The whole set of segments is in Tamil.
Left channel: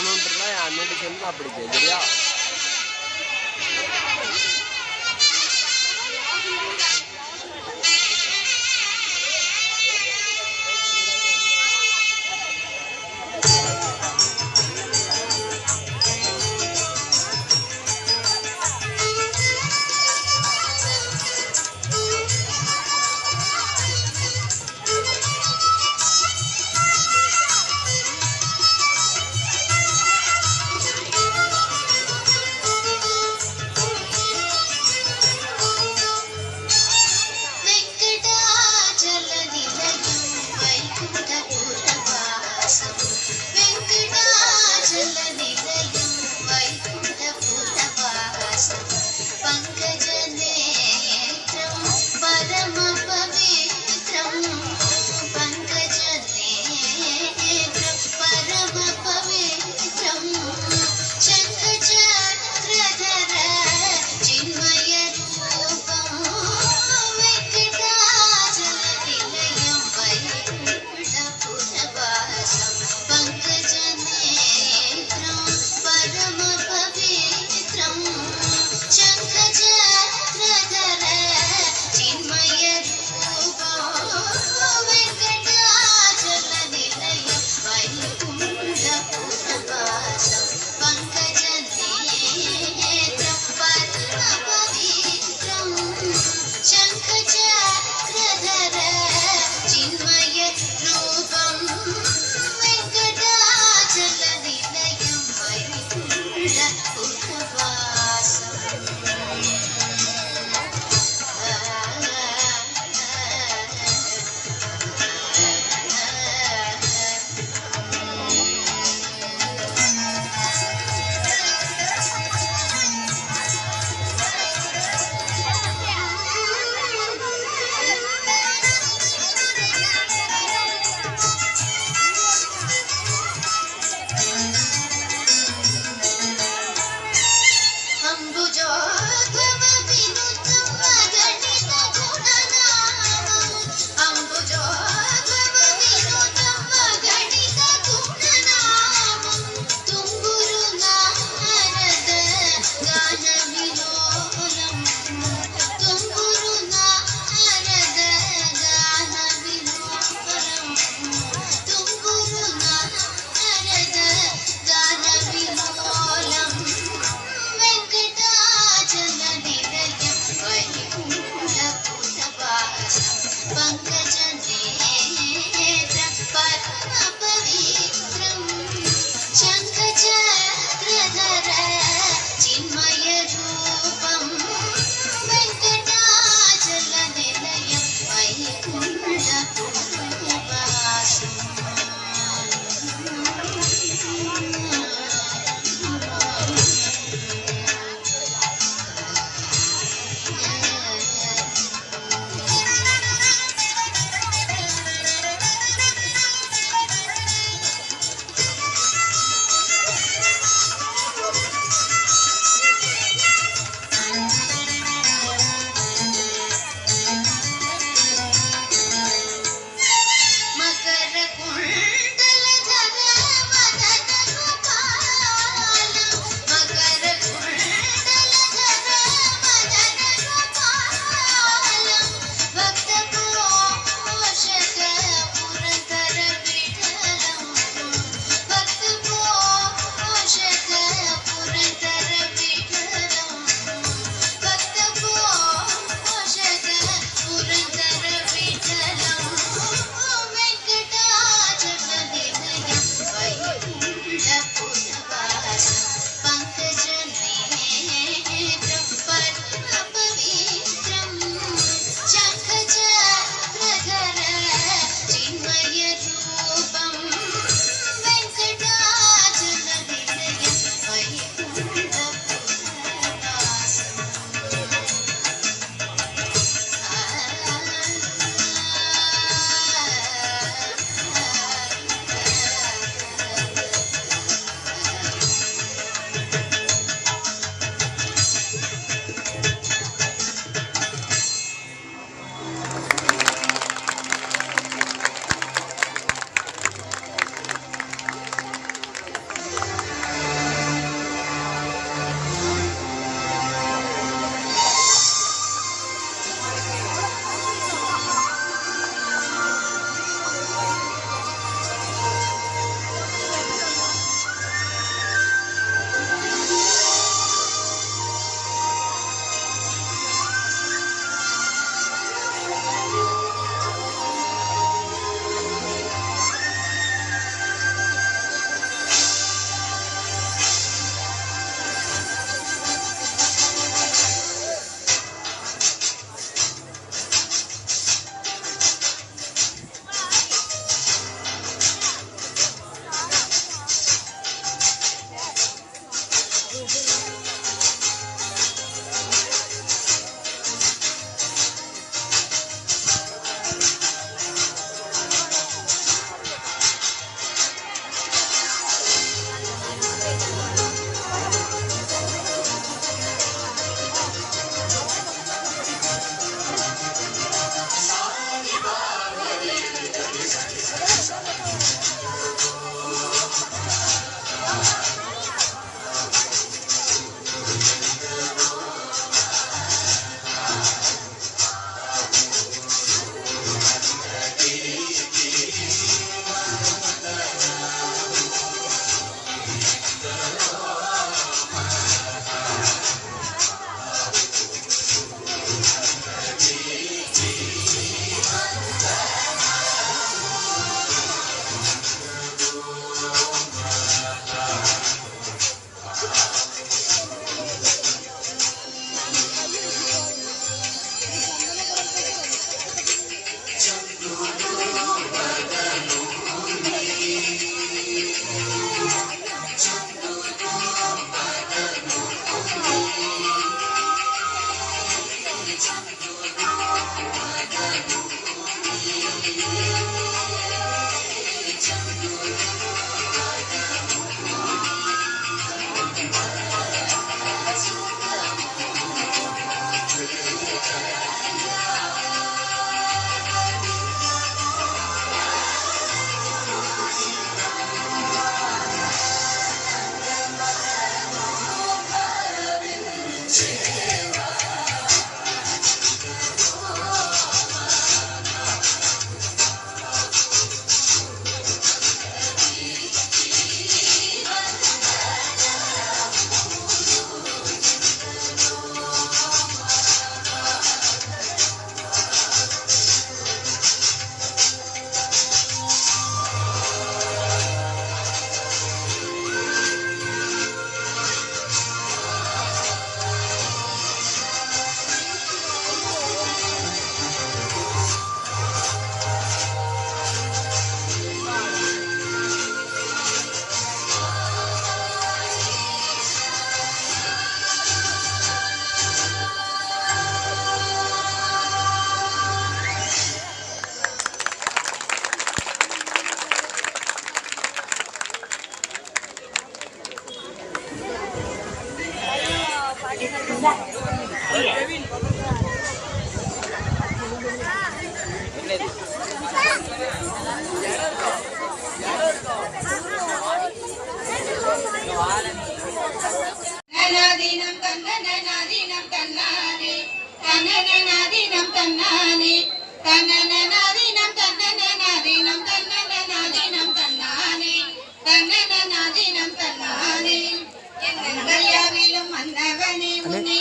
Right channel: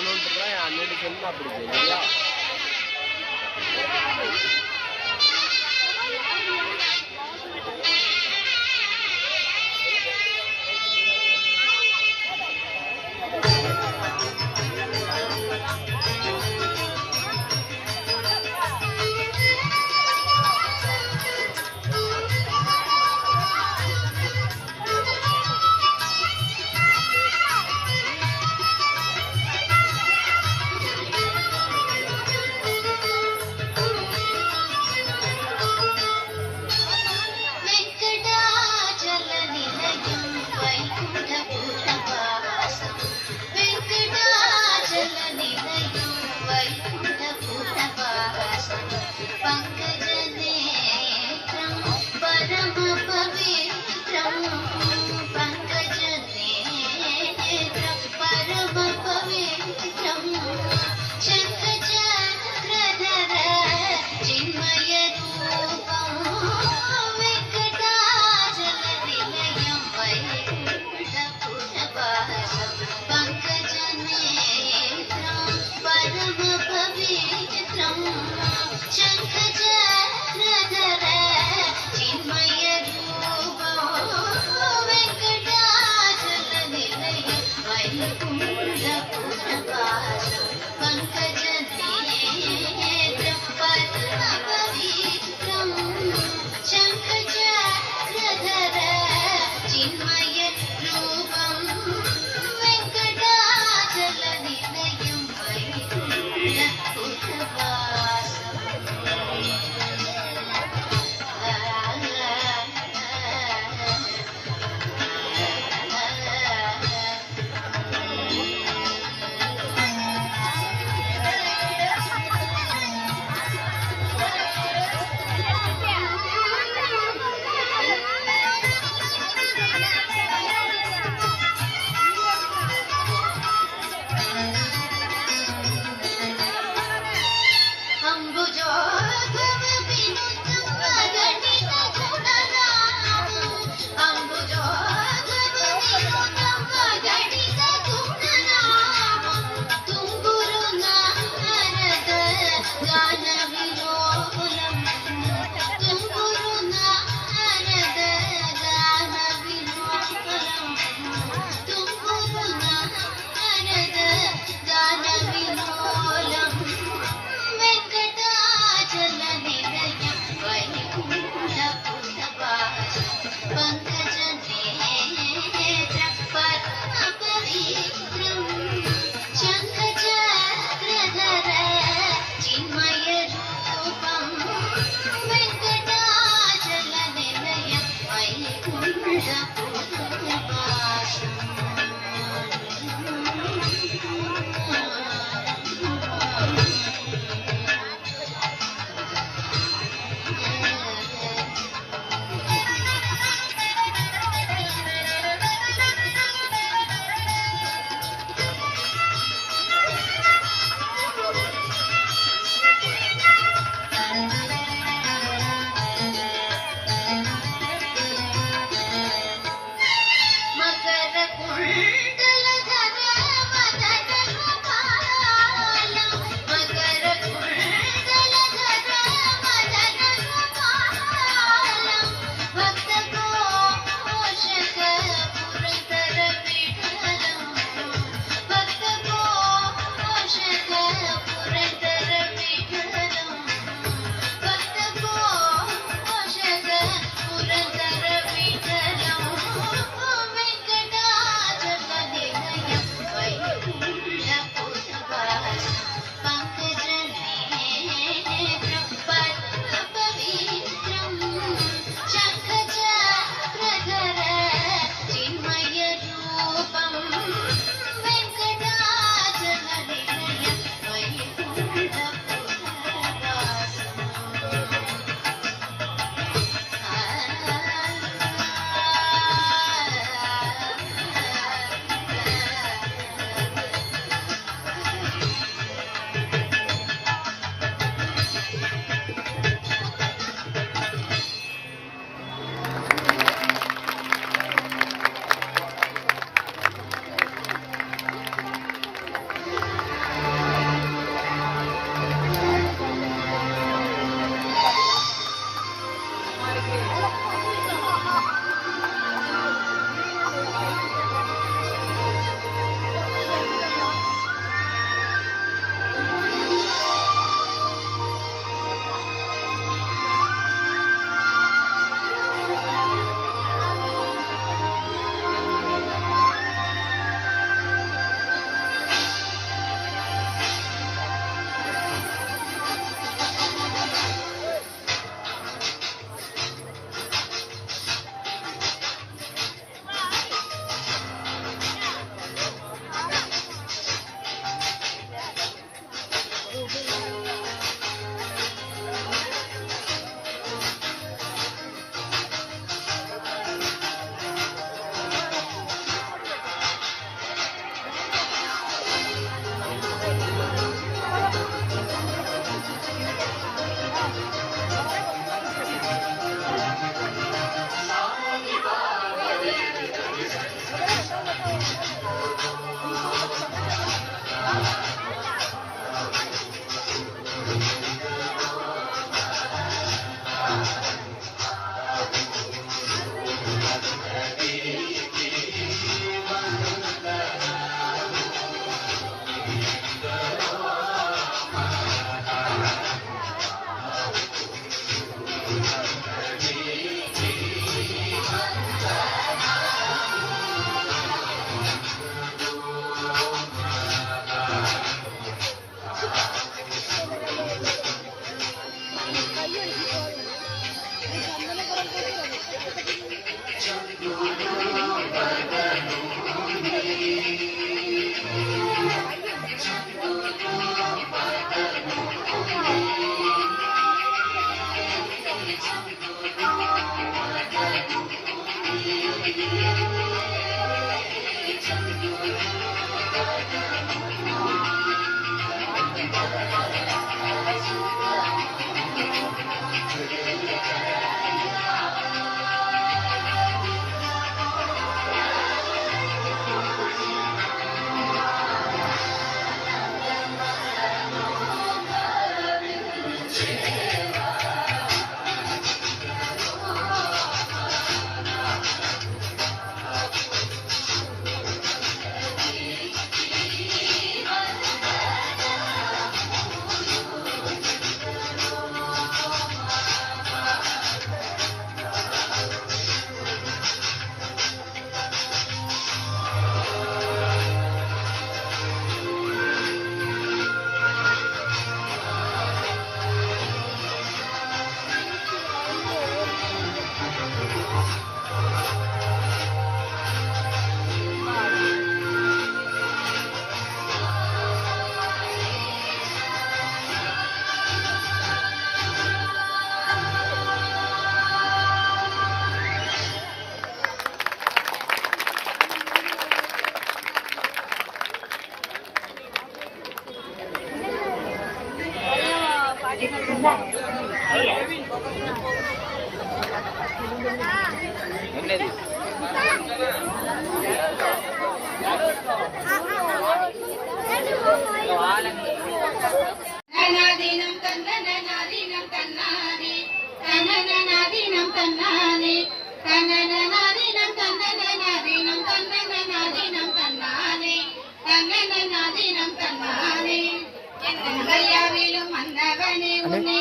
பண்ணணுன்றதான் என் அண்ணன் சொல்லி நான் பிடிச்சேன் சரியா.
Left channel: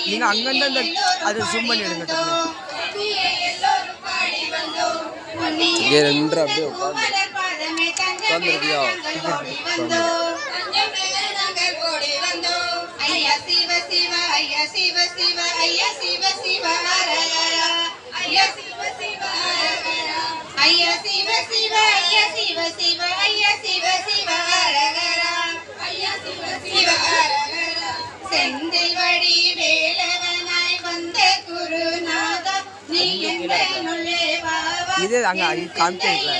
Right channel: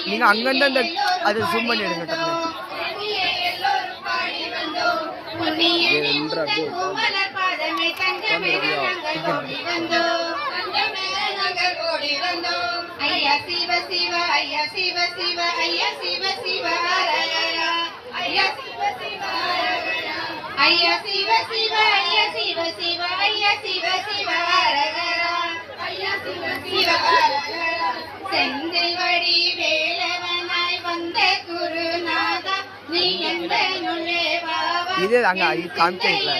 நீங்க அங்கிருந்து அந்த அதை ஜூம் பண்ணி எடுங்க டக்குனு. இங்கே ரெண்டு அப்படியே உட்காந்துருக்கியா? ஐயா சிவ சிவ ஐயா சிவ சிவ ஐயா சிவ சிவ ஹரஹரா ஐயா சிவ சிவ ஹரஹரா ஐயா சிவ சிவ ஐயா சிவ சிவ ஐயா சிவ சிவ ஹரஹரா ஐயா சிவ சிவ ஹரஹரா செந்தில் வடி வேலவனாய் வந்த குருநாதா நீ என்னுள்ளே வாவா இது அங்க காமிக்கல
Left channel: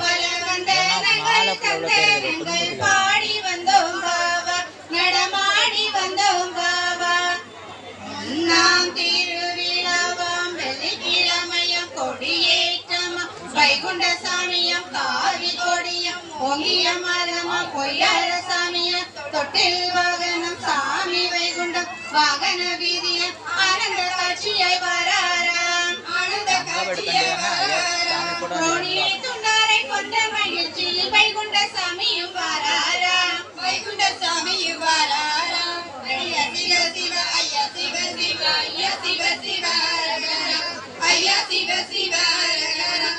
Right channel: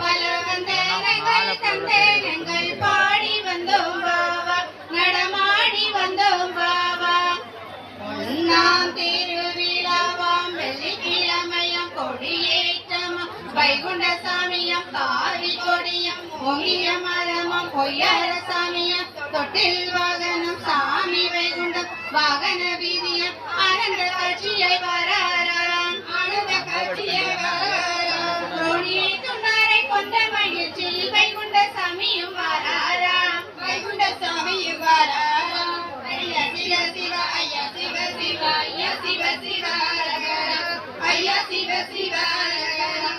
பல வந்தனங்கள் தந்தனங்கள் பாடி வந்தோம் பாவா நடமாடி வந்தோம் பாவா நாம் திருவிழாவாம் வெள்ளிக்கிழமையம் கொடியேற்றமாம் வைகுண்ட சாமியம் காவி கொடியம் ஓங்கிய மரமாம் பொய்யர சாமியம் தொட்டில் வாகனம் சாமி வைகுண்டம் வாகன வீதியம் ஆனந்த காட்சியை வராராம் ஆனந்த காட்சியை வராராம் கோடியை துண்டாரை கொண்ட மகிழ்ச்சியில் வைகுண்ட சாமியும் வராராம் வைகுண்ட சாமியும் வராராம் ஐயா சிவ சிவ ஐயா சிவ சிவ ஐயா சிவ சிவ ஹரஹரா ஐயா சிவ சிவ ஹரஹரா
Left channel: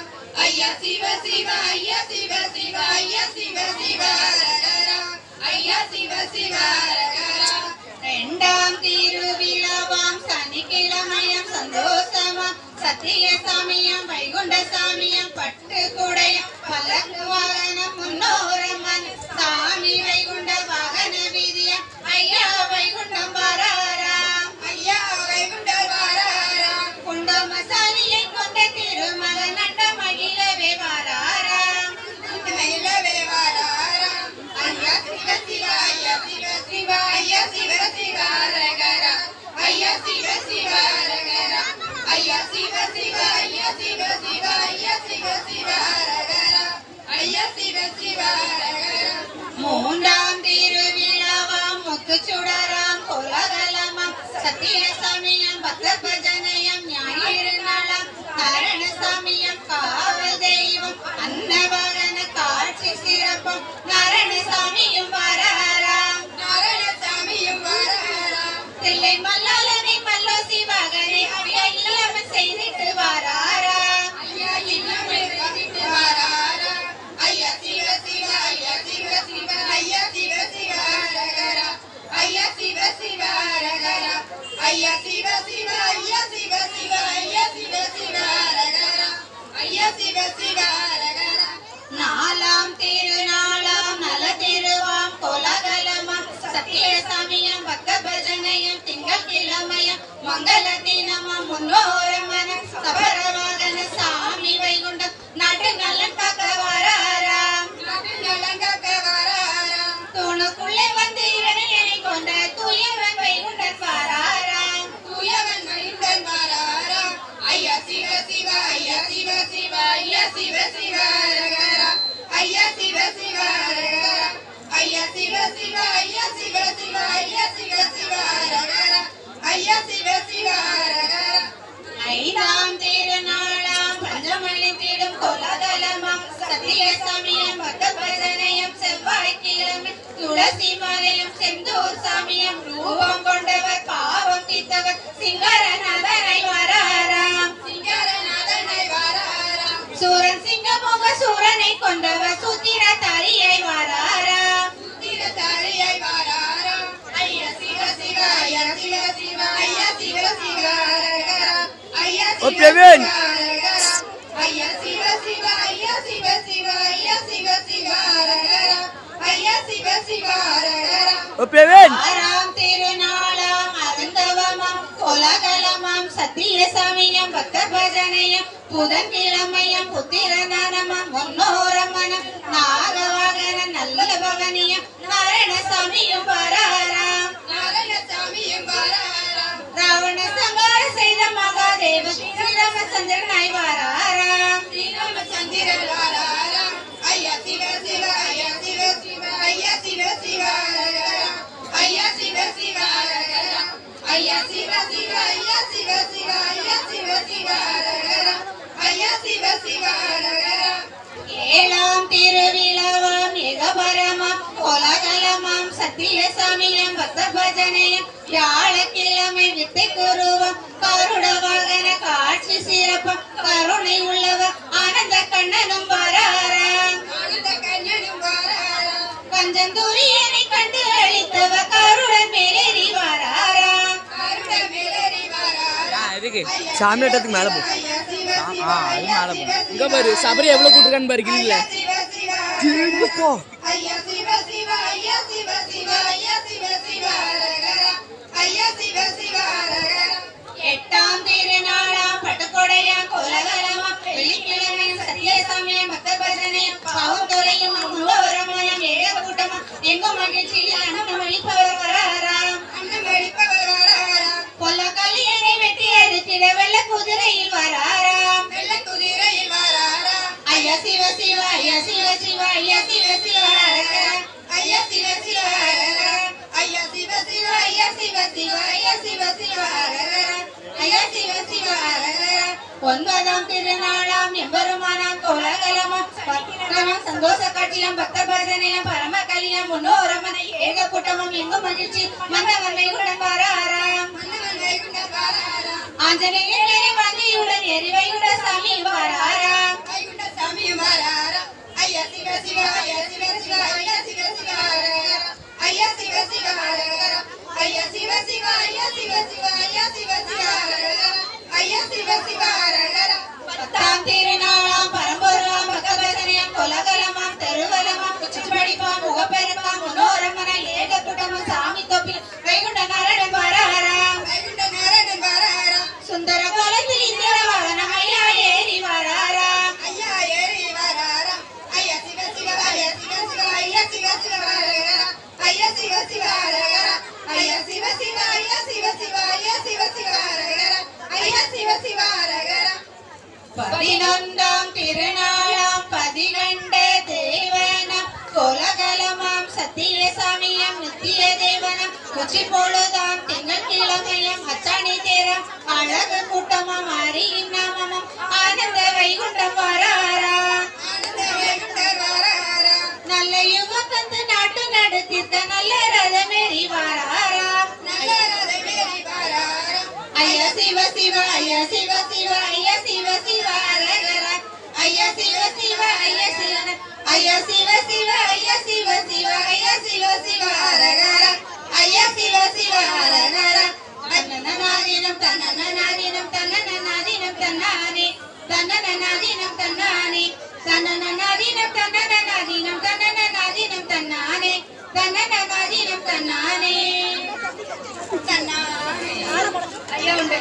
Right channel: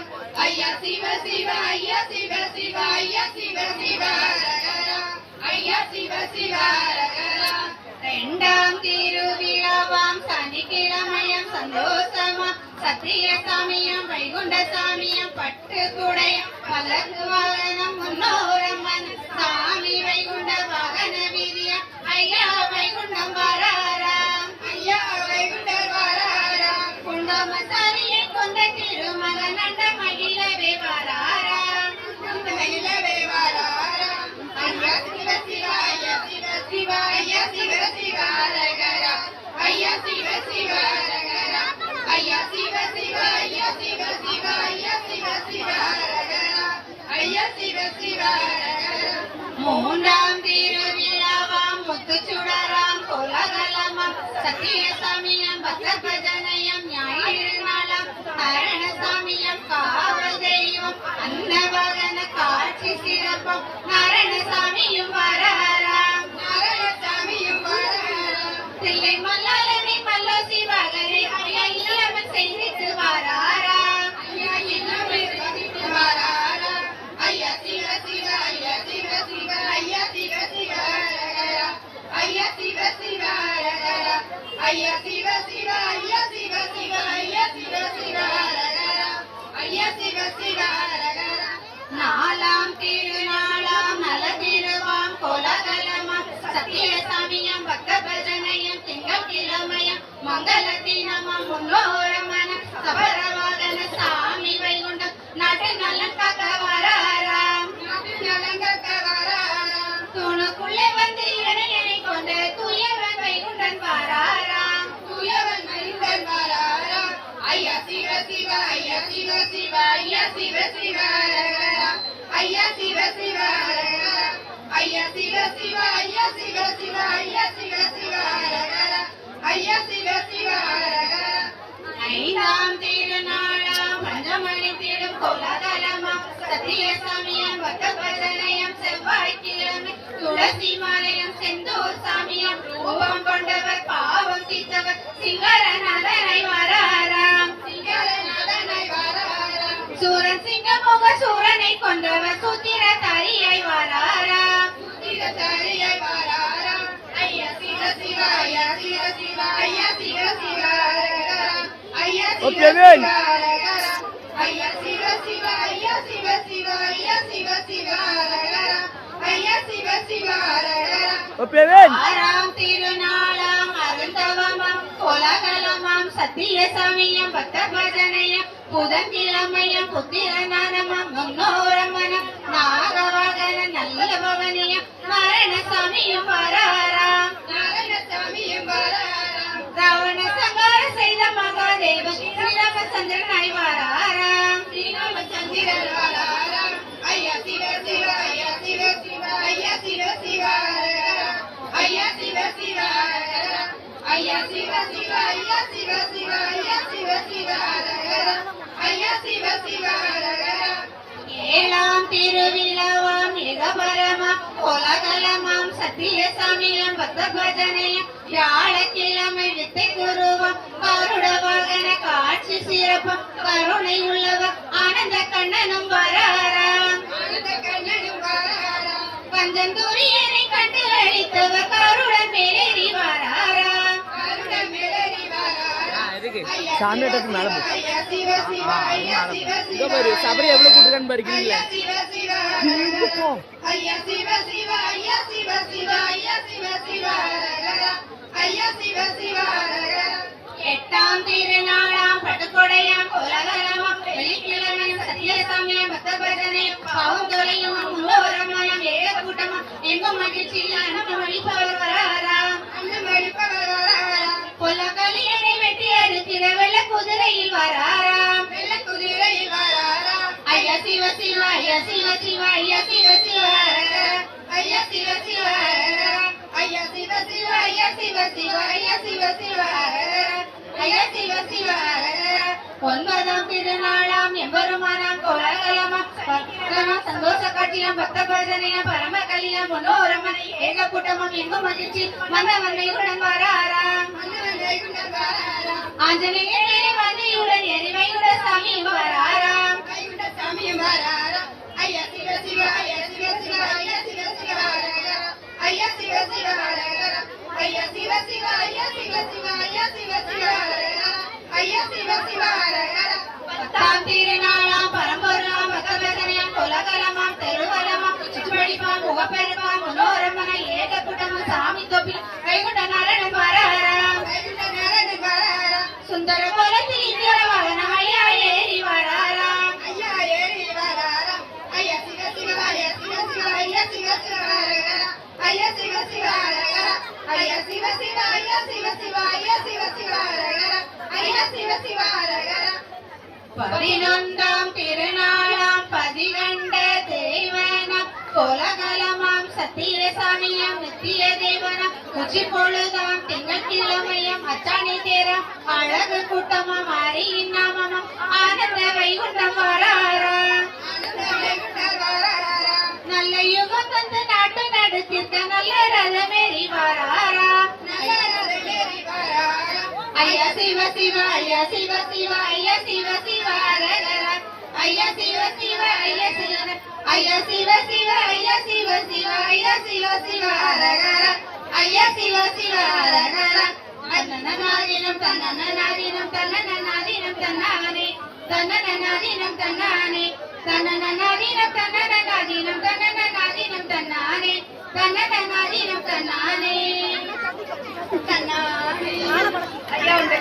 ஐயா சிவ சிவ ஐயா சிவ சிவ ஐயா சிவ சிவ ஹரஹரா ஐயா சிவ சிவ ஹரஹரா இரண்டாம் திருவிழாவாம் சனிக்கிழமையம் சந்தோஷமாம் சத்திய சாமியம் வைகுண்ட சாமியம் பட்டு குடையம் பல்லக்கு வாகனம் முன்னோரம்மன் சாமி வைகுண்ட வாகன வீதியம் ஐயா வைகுண்டம் வராராம் ஐயா வைகுண்ட வராராம் குண்டம சாமியை கொண்ட திருமகன் நண்ட மகிழவே வராராம் மகிழவே வராராம் ஐயா சிவ சிவ ஐயா சிவ சிவ ஐயா சிவ சிவ ஹரஹரா ஐயா சிவ சிவ ஹரஹரா ஐயா சிவ சிவ ஐயா சிவ சிவ ஐயா சிவ சிவ ஹரஹரா ஐயா சிவ சிவ ஹரஹரா மூன்றாம் திருவிழாவாம் முத்துச்சுடராம் கோலாகலமாம் சத்திய சாமியம் பக்த பஜனயம் ஞாயிறு நாளாம் நாராயண சாமியம் காவல் தெய்வம் அன்னவாகன காட்சி சிறப்பம் நாராயண சாமியும் வராராம் நாராயண சாமியும் வராராம் தில்லை மல்லாலனை மல்லோ சிவகரி ஐயா இல்லமன் செய்திட்டு வராராம் ஐயா இல்லமன் செய்திட்டு வராராம் ஐயா சிவ சிவ ஐயா சிவ சிவ ஐயா சிவ சிவ ஹரஹரா ஐயா சிவ சிவ ஹரஹரா ஐயா சிவ சிவ ஐயா சிவ சிவ ஐயா சிவ சிவ ஹரஹரா ஐயா சிவ சிவ ஹரஹரா நாலாம் திருநாளாம் நல திருவாம் கோலாகலமாம் சத்திய சாமியம் பக்த பஜனையம் திங்கள் கிழமையம் மங்கள தினமாம் முன்னோரமனம் சபரவாகன சாமி வைகுண்டம் நாட்டு நலன் காக்க வராராம் நாட்டு நலன் காக்க வராராம் தூணுக்குள்ளே வந்து இவனை கொண்ட தூயவன் வைகுண்டன் வராராம் தூயவன் வைகுண்டன் வராராம் ஐயா சிவ சிவ ஐயா சிவ சிவ ஐயா சிவ சிவ ஹரஹரா ஐயா சிவ சிவ ஹரஹரா ஐயா சிவ சிவ ஐயா சிவ சிவ ஐயா சிவ சிவ ஹரஹரா ஐயா சிவ சிவ ஹரஹரா ஐந்தாம் திருநாளாம் பஞ்சமணி தேடும் கோலாகலமாம் சத்திய சாமியம் பக்த பஜனயம் செவ்வாய்க்கிழமை துளசி மாலயம் செந்தூர் சாமியம் ரூபம் கொண்டவர் பாவம் தீர்த்தவர் சிங்கரநாதனை வராராம் சிங்கரநாதனை வராராம் சூரன் சிங்கமுக சூரனை கொண்டவர் சூத்திர தாரியை வராராம் சூத்திர தாரியை வராராம் ஐயா சிவ சிவ ஐயா சிவ சிவ ஐயா சிவ சிவ ஹரஹரா ஐயா சிவ சிவ ஹரஹரா ஐயா சிவ சிவ ஐயா சிவ சிவ ஐயா சிவ சிவ ஹரஹரா ஐயா சிவ சிவ ஹரஹரா ஆறாம் திருநாளாம் அருந்தவமாம் கோலாகலமாம் சத்திய சாமியம் பக்த பஜனையம் புதன்கிழமையம் புத்திரநானமாம் முன்னோரமனம் நாகவாகன நல்ல பவனியம் நாராயண சாமியும் வராராம் நாராயண சாமியும் வராராம் ராவண சங்கார செய்த மகாதேவன் ஸ்ரீராமச்சந்திரனாய் வராராம் ஸ்ரீராமச்சந்திரன் வராராம் ஐயா சிவ சிவ ஐயா சிவ சிவ ஐயா சிவ சிவ ஹரஹரா ஐயா சிவ சிவ ஹரஹரா ஐயா சிவ சிவ ஐயா சிவ சிவ ஐயா சிவ சிவ ஹரஹரா ஐயா சிவ சிவ ஹரஹரா ஏழாம் திருவிழாவாம் ஏகபரமாம் கோலாகலமாம் சத்திய சாமியம் பக்த பஜனையம் வியாழக்கிழமை வித்தை கூறுவோம் கருட வாகன காட்சி சிறப்பம் கருணை உள்ளவர் ஆனந்த கண்ணனும் வராராம் பஞ்சந்தூரியனை கண்டு அளித்தவர் கருடன் மேலேறி வராராம் சாமியாட்டத்துக்கு மேல போ. இங்க பாரு சபரி எவ்வளவு கூட்டுறான்னு பாரு கிரில திரும்ப போ. எட்டாம் திருநாளாம் பட்டுக்கொடையாம் கோலகலமாம் வெள்ளிக்கிழமையும் சத்திய சமயம் பக்த பஜனையும் பாவம் தொலையும் முன்னோரமயம் ஏக கூட்டமும் எங்கும் மகிழ்ச்சியில் அன்னம் அளிப்பவர் வராராம் கொல்ல கலியனை வெட்டி அறுத்திட வெள்ள குதிரையில் வராராம் ஐயா சிவ சிவ ஐயா சிவ சிவ ஐயா சிவ சிவ ஐயா சிவ சிவ ஐயா சிவ சிவ ஐயா சிவ சிவ ஐயா சிவ சிவ ஐயா சிவ சிவ ஒன்பதாம் திருநாளாம் எம்பெருமானாம் கோலாகலமாம் சந்தோஷ காட்சியம் பக்த பஜனையம் பரம கலியம் முன்னோரமனை ஏக கூட்டமும் எங்கும் மகிழ்ச்சி மன்னவனை உடன் வராராம் ஆஞ்சநேயனை மதியுடன் எரிவைகுட சாமி வராராம் ஐயா சிவ சிவ ஐயா சிவ சிவ ஐயா சிவ சிவ ஐயா சிவ சிவ ஐயா சிவ சிவ ஐயா சிவ சிவ ஐயா சிவ சிவ ஐயா சிவ சிவ பத்தாம் திருநாளாம் பரம்பொருளாம் பகவதனையாம் கொலகலமாம் தெருவலமாம் சிற்றுப்படிப்பாம் முகப்பெருமாம் முன்னோரமனை ஏக கூட்டமும் சாமி தொப்பில் கைகுண்ட நரடன் வராராம் சுந்தர கோலத்தில் இந்திர வாகனம் ஐயா ஏறி வராராம் ஐயா சிவ சிவ ஐயா சிவ சிவ ஐயா சிவ சிவ ஐயா சிவ சிவ ஐயா சிவ சிவ ஐயா சிவ சிவ ஐயா சிவ சிவ ஐயா சிவ சிவ பதினொன்றாம் திருநாளாம் பதிகண்ட தேவனம் கோலகலமாம் சத்திய சாமியம் நித்திய தேவனம் உச்சி பொழுதாம் திங்கட்கிழமையும் அச்சாணி தேரம் அழகு கூட்டமாம் மாரியின் நாமமும் ஆனந்த வைகுண்டம் வராராம் நல்ல யுகம் தந்து நாட்டு நடத்தித்த நல்ல ரதமேறி வராராம் ஐயா சிவ சிவ ஐயா சிவ சிவ ஐயா சிவ சிவ ஐயா சிவ சிவ ஐயா சிவ ஐயா சிவ சிவ ஐயா சிவ சிவ ஐயா சிவ சிவ ஐயா சிவ சிவ தன்னநாதீனம் தன்னநாதீனம் தன்னநாதீனம் தன்னானே தன்னநாதீனம் தன்னானே தன்னநாதீனம் தன்னநாதீனம் தன்னநாதீனம் தன்னானே தன்னநாதீனம் தன்னானே தன்னானே ஐயா உண்டு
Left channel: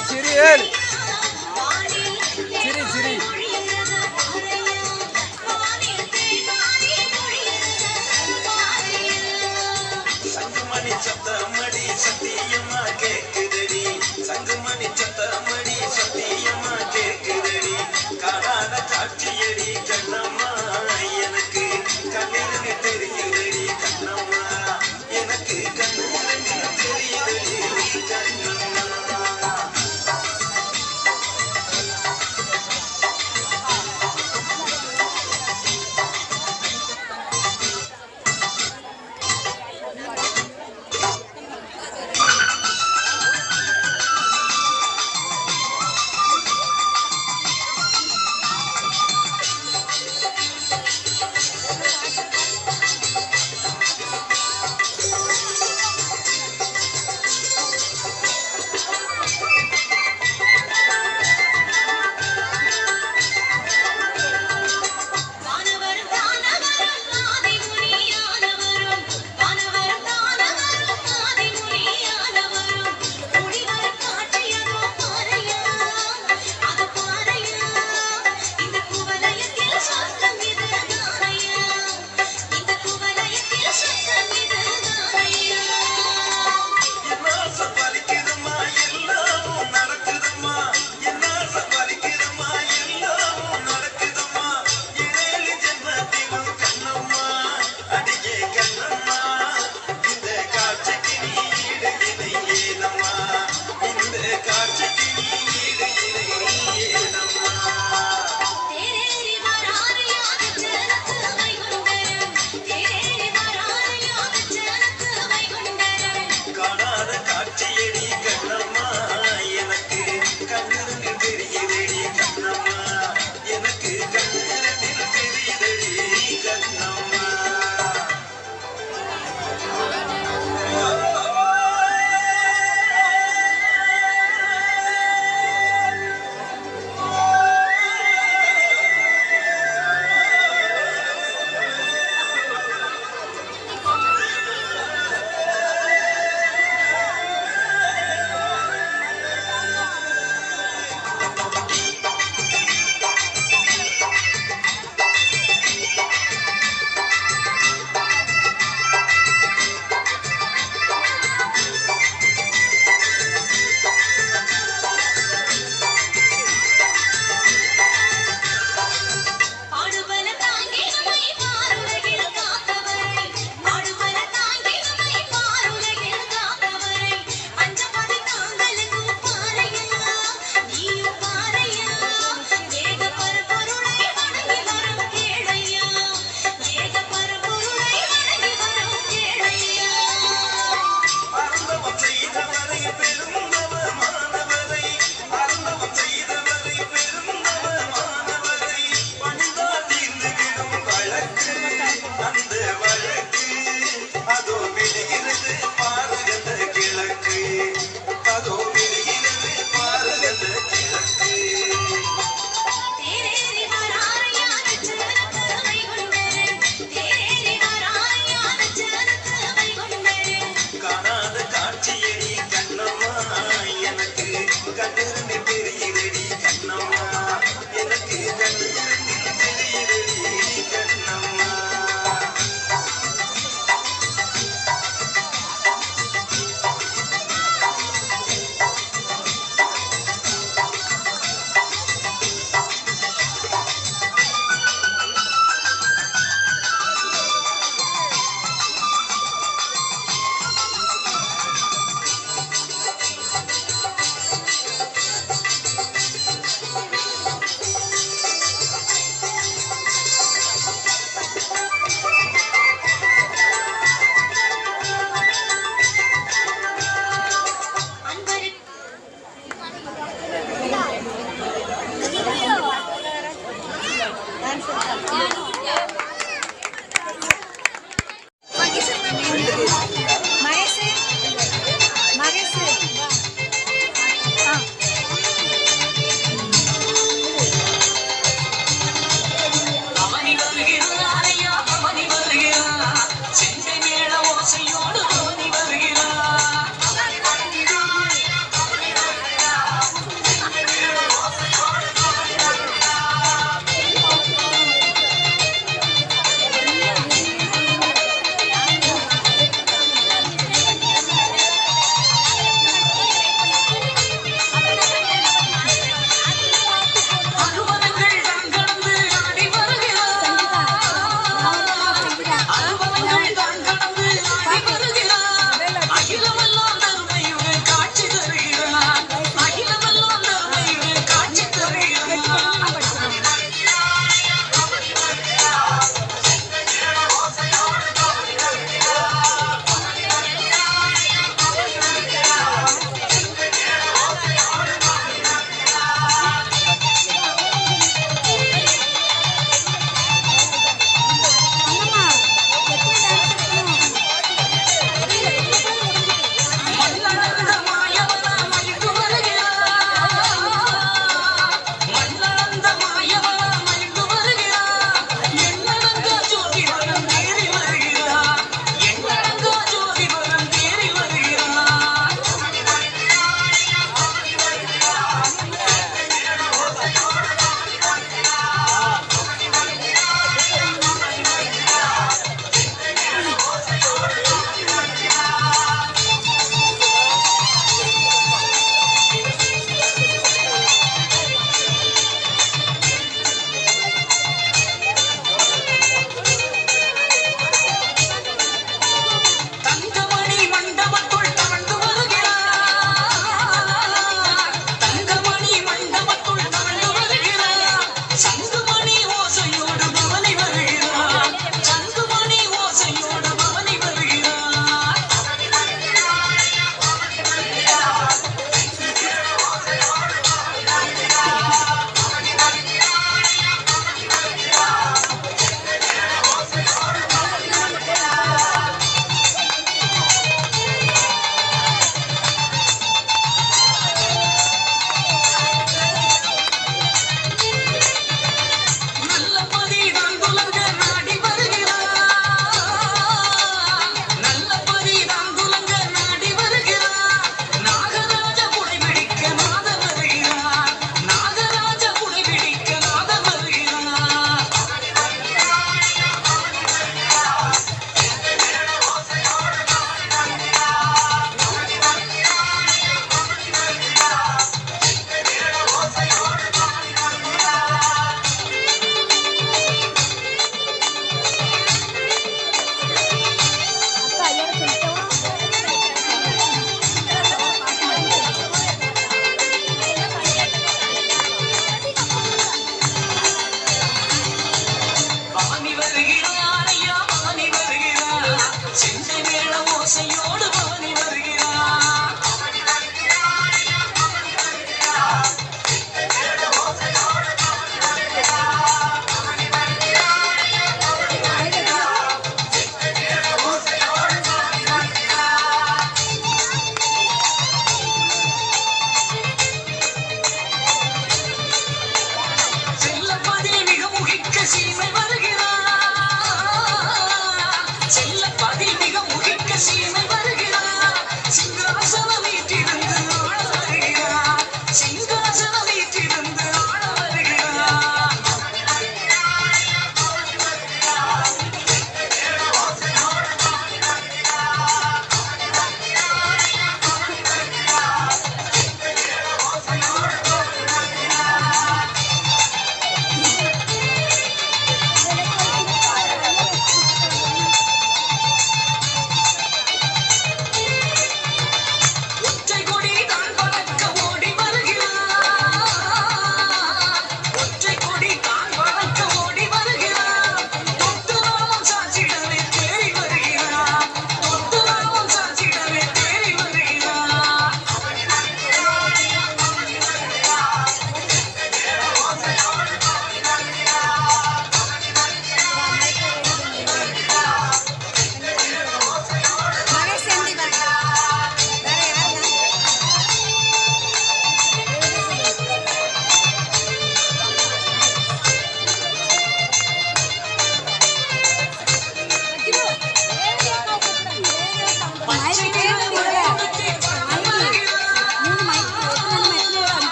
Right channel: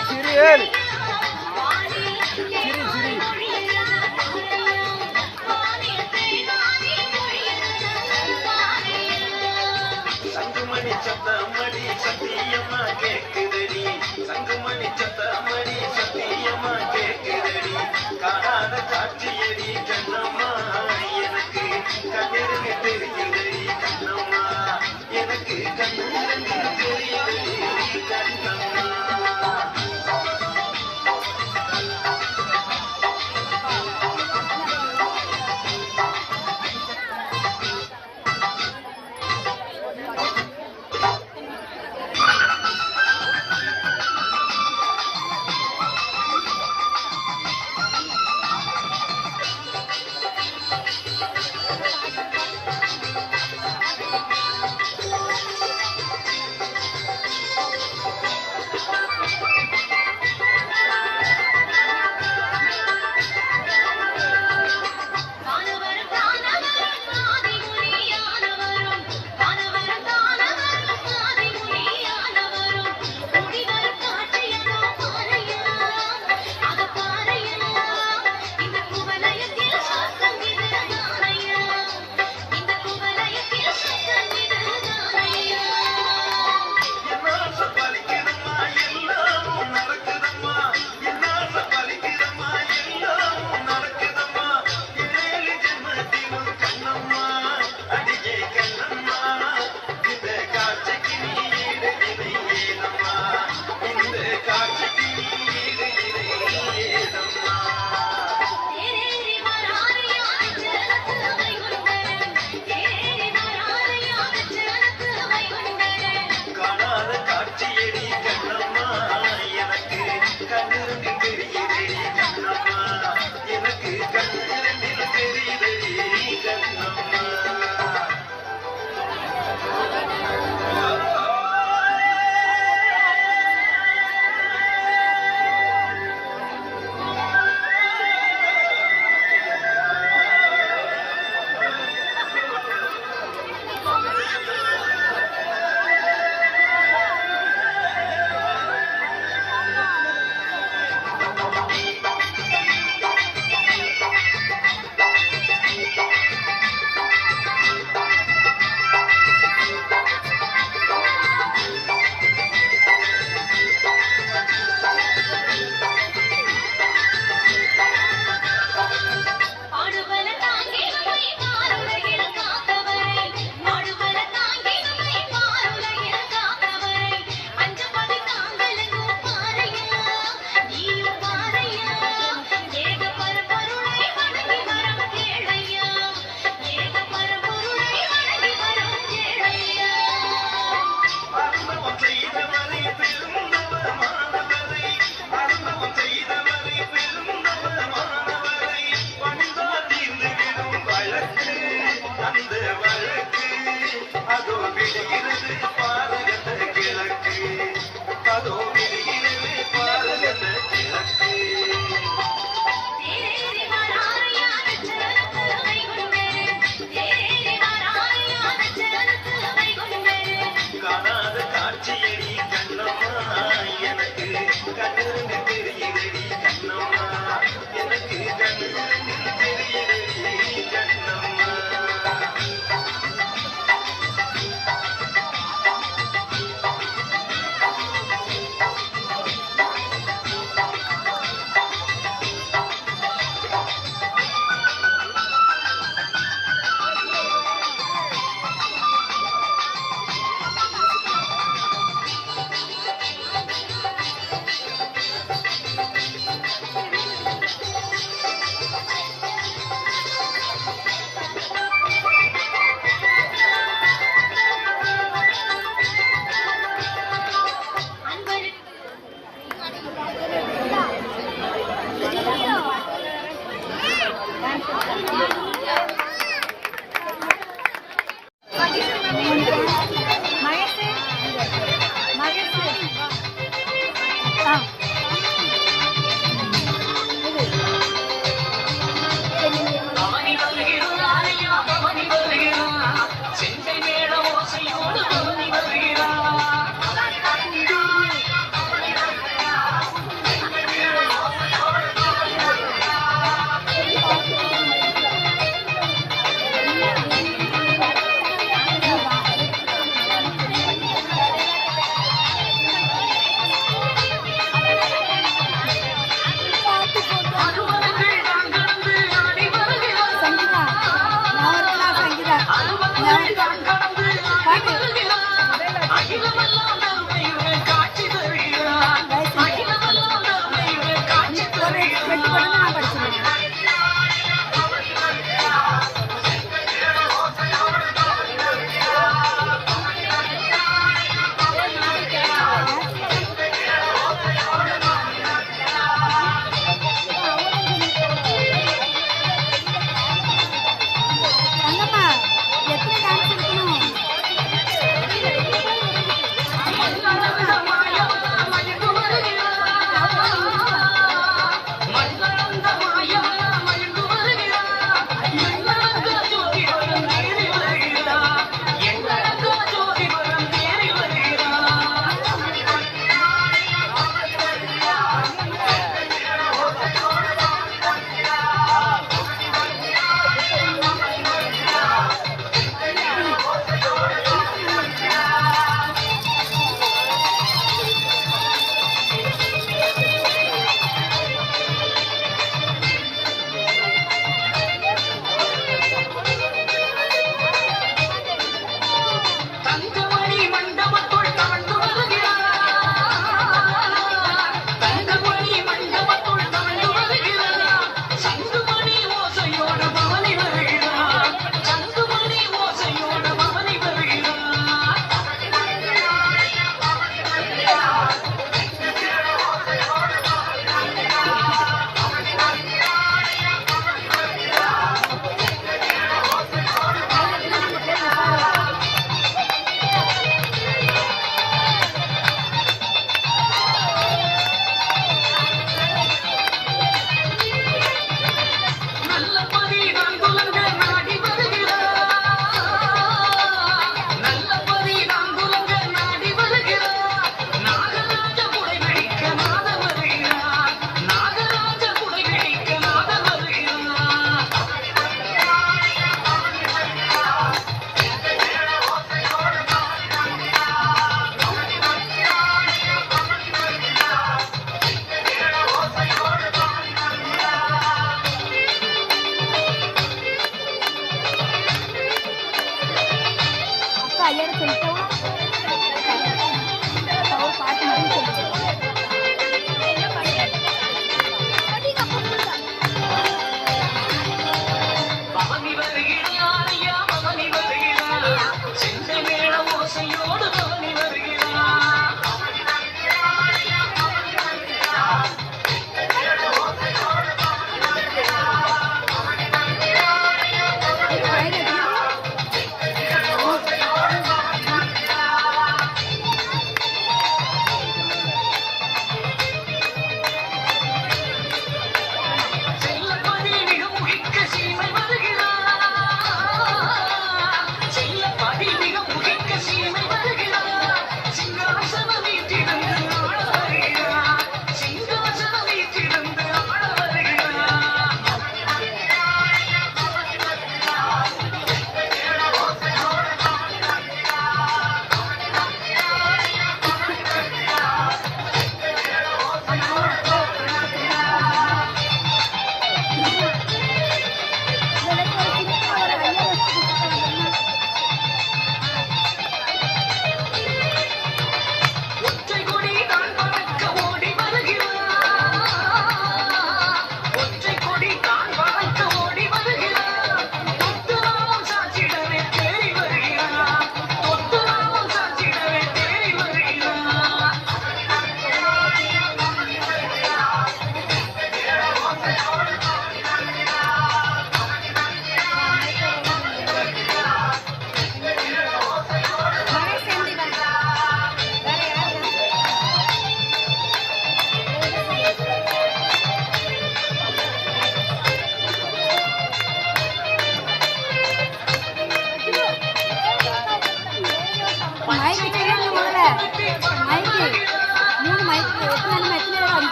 சிரி சிரி சிரி சங்குமணி சத்தமடி சத்தியமா கேக்குதடி சங்குமணி சத்தமடி சத்தியமா கேக்குதடி காணாத காட்சியடி கண்ணம்மா எனக்கு கண்ணிருந்து தெரியுதடி கண்ணம்மா எனக்கு கண்ணிருந்து தெரியுதடி கண்ணம்மா செண்டை மேள ஓசையோடு